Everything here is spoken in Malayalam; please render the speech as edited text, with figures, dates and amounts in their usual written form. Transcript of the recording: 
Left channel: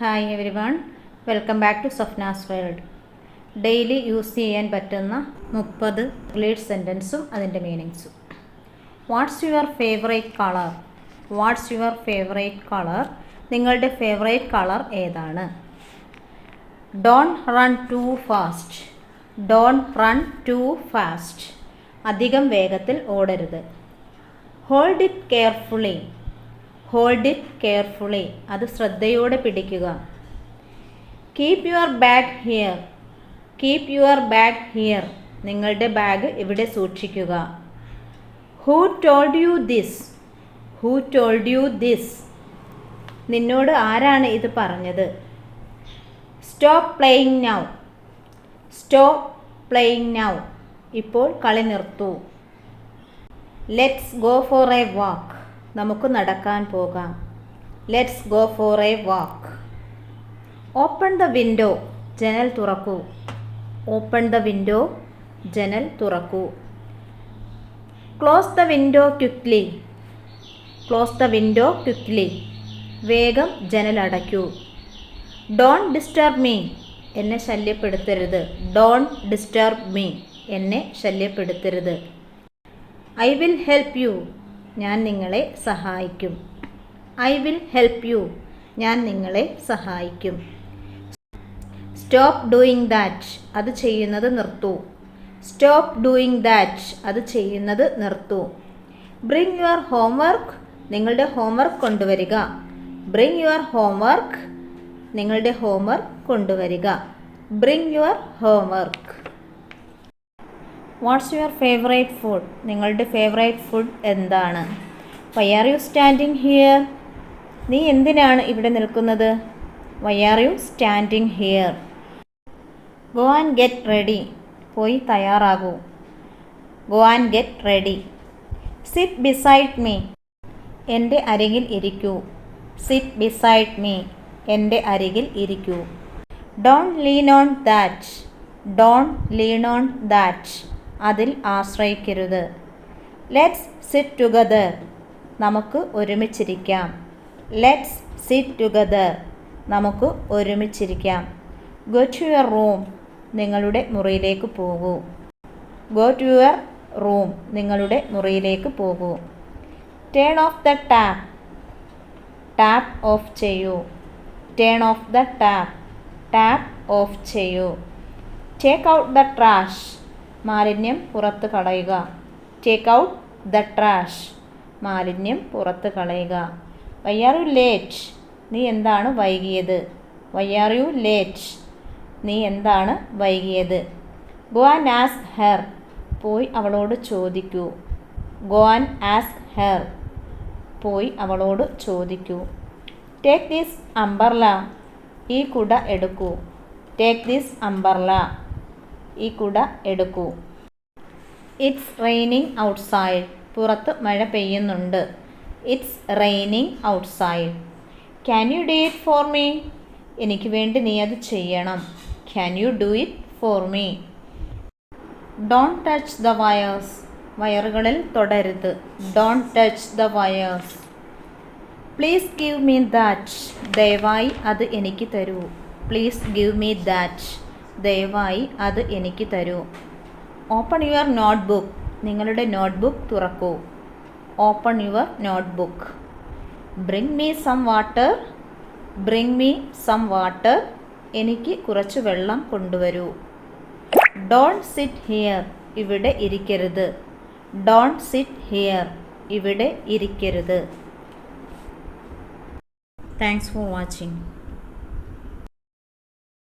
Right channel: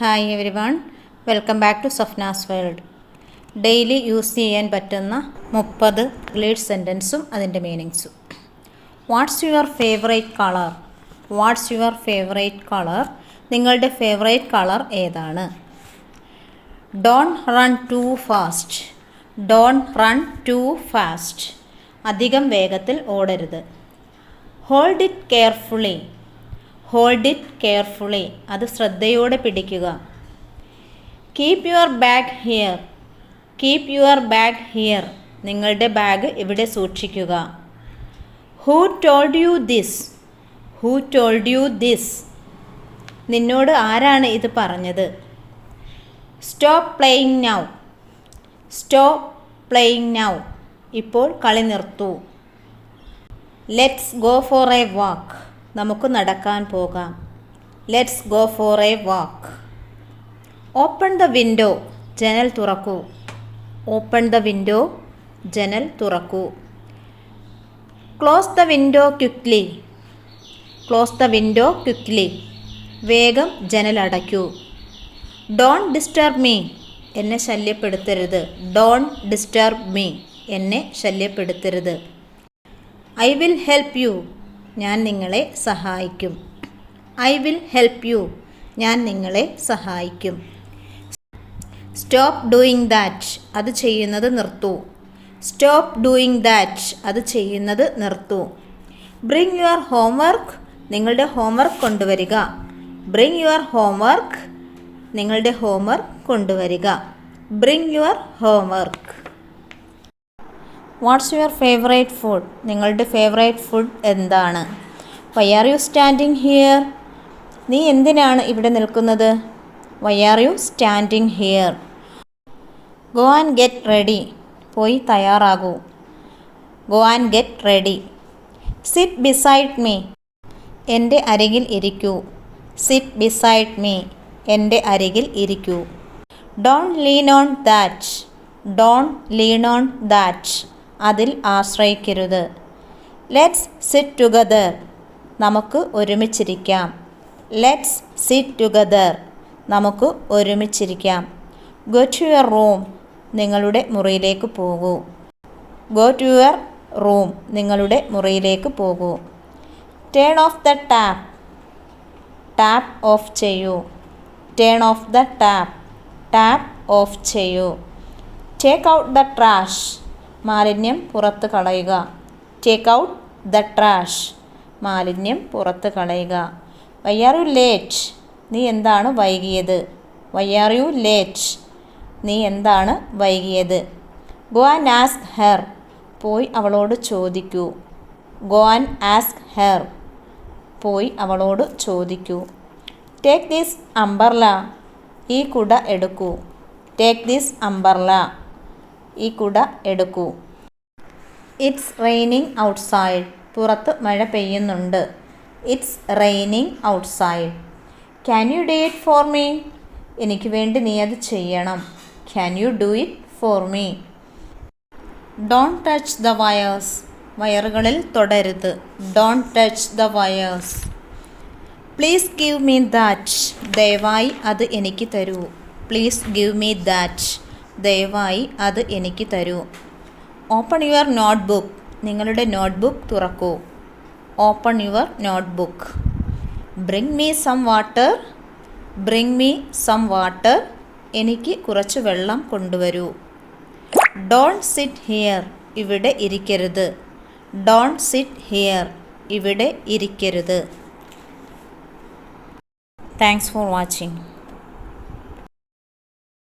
Hi everyone, welcome back to Safnas world. Daily use ചെയ്യാൻ പറ്റുന്ന 30 റിലേറ്റ് സെൻറ്റൻസും അതിൻ്റെ മീനിങ്സും. What's your favourite colour? What's your favourite colour? നിങ്ങളുടെ ഫേവറേറ്റ് കളർ ഏതാണ്? Don't run too fast. Don't run too fast. അധികം വേഗത്തിൽ ഓടരുത്. Hold it carefully. Hold it carefully. അത് ശ്രദ്ധയോടെ പിടിക്കുക. Keep your bag here. Keep your bag here. നിങ്ങളുടെ ബാഗ് ഇവിടെ സൂക്ഷിക്കുക. Who told you this? Who told you this? നിന്നോട് ആരാണ് ഇത് പറഞ്ഞത്? Stop playing now. Stop playing now. ഇപ്പോൾ കളി നിർത്തൂ. Let's go for a walk. നമുക്ക് നടക്കാൻ പോകാം. Let's go for a walk. Open the window. ജനൽ തുറക്കൂ. Open the window. ജനൽ തുറക്കൂ. Close the window quickly. Close the window quickly. വേഗം ജനൽ അടയ്ക്കൂ. Don't disturb me. എന്നെ ശല്യപ്പെടുത്തരുത്. Don't disturb me. എന്നെ ശല്യപ്പെടുത്തരുത്. I will help you. ഞാൻ നിങ്ങളെ സഹായിക്കും. I will help you. ഞാൻ നിങ്ങളെ സഹായിക്കും. Stop doing that. അത് ചെയ്യുന്നത് നിർത്തൂ. Stop doing that. അത് ചെയ്യുന്നത് നിർത്തൂ. Bring your homework. നിങ്ങളുടെ ഹോംവർക്ക് കൊണ്ടുവരിക. Bring your homework. നിങ്ങളുടെ ഹോംവർക്ക് കൊണ്ടുവരിക. Bring your homework. What's your favourite food? നിങ്ങളുടെ ഫേവറേറ്റ് ഫുഡ് എന്താണ്? Why are you standing here? നീ എന്തിനാണ് ഇവിടെ നിൽക്കുന്നത്? Why are you standing here? Go and get ready. പോയി തയ്യാറാകൂ. Go and get ready. Sit beside me. എൻ്റെ അരികിൽ ഇരിക്കൂ. Sit beside me. എൻ്റെ അരികിൽ ഇരിക്കൂ. Don't lean on that. Don't lean on that. അതിൽ ആശ്രയിക്കരുത്. Let's sit together. നമുക്ക് ഒരുമിച്ചിരിക്കാം. Let's sit together. നമുക്ക് ഒരുമിച്ചിരിക്കാം. Go to your room. നിങ്ങളുടെ മുറിയിലേക്ക് പോകൂ. Go to your room. നിങ്ങളുടെ മുറിയിലേക്ക് പോകൂ. Turn off the tap. Tap off ചെയ്യൂ. Turn off the tap. Tap off ചെയ്യൂ. Take out the trash. മാലിന്യം പുറത്ത് കളയുക. Take out the trash. മാലിന്യം പുറത്ത് കളയുക. Why are you late? നീ എന്താണ് വൈകിയത്? Why are you late? നീ എന്താണ് വൈകിയത്? Go and ask her. പോയി അവളോട് ചോദിക്കൂ. Go and ask her. പോയി അവളോട് ചോദിക്കൂ. Take this umbrella. ഈ കുട എടുക്കൂ. Take this umbrella. ഈ കുട എടുക്കൂ. It's raining outside. പുറത്ത് മഴ പെയ്യുന്നുണ്ട്. It's raining outside. Can you do it for me? എനിക്ക് വേണ്ടി നീ അത് ചെയ്യണം. Can you do it for me? Don't touch the wires. വയറുകളിൽ തൊടരുത്. Don't touch the wires. Please give me that. ദയവായി അത് എനിക്ക് തരൂ. Please give me that. ദയവായി അത് എനിക്ക് തരൂ. Open your notebook. നിങ്ങളുടെ നോട്ട്ബുക്ക് തുറക്കൂ. Open your notebook. Bring me some water. Bring me some water. എനിക്ക് കുറച്ച് വെള്ളം കൊണ്ടുവരൂ. Don't sit here. ഇവിടെ ഇരിക്കരുത്. Don't sit here. ഇവിടെ ഇരിക്കരുത്. Thanks for watching.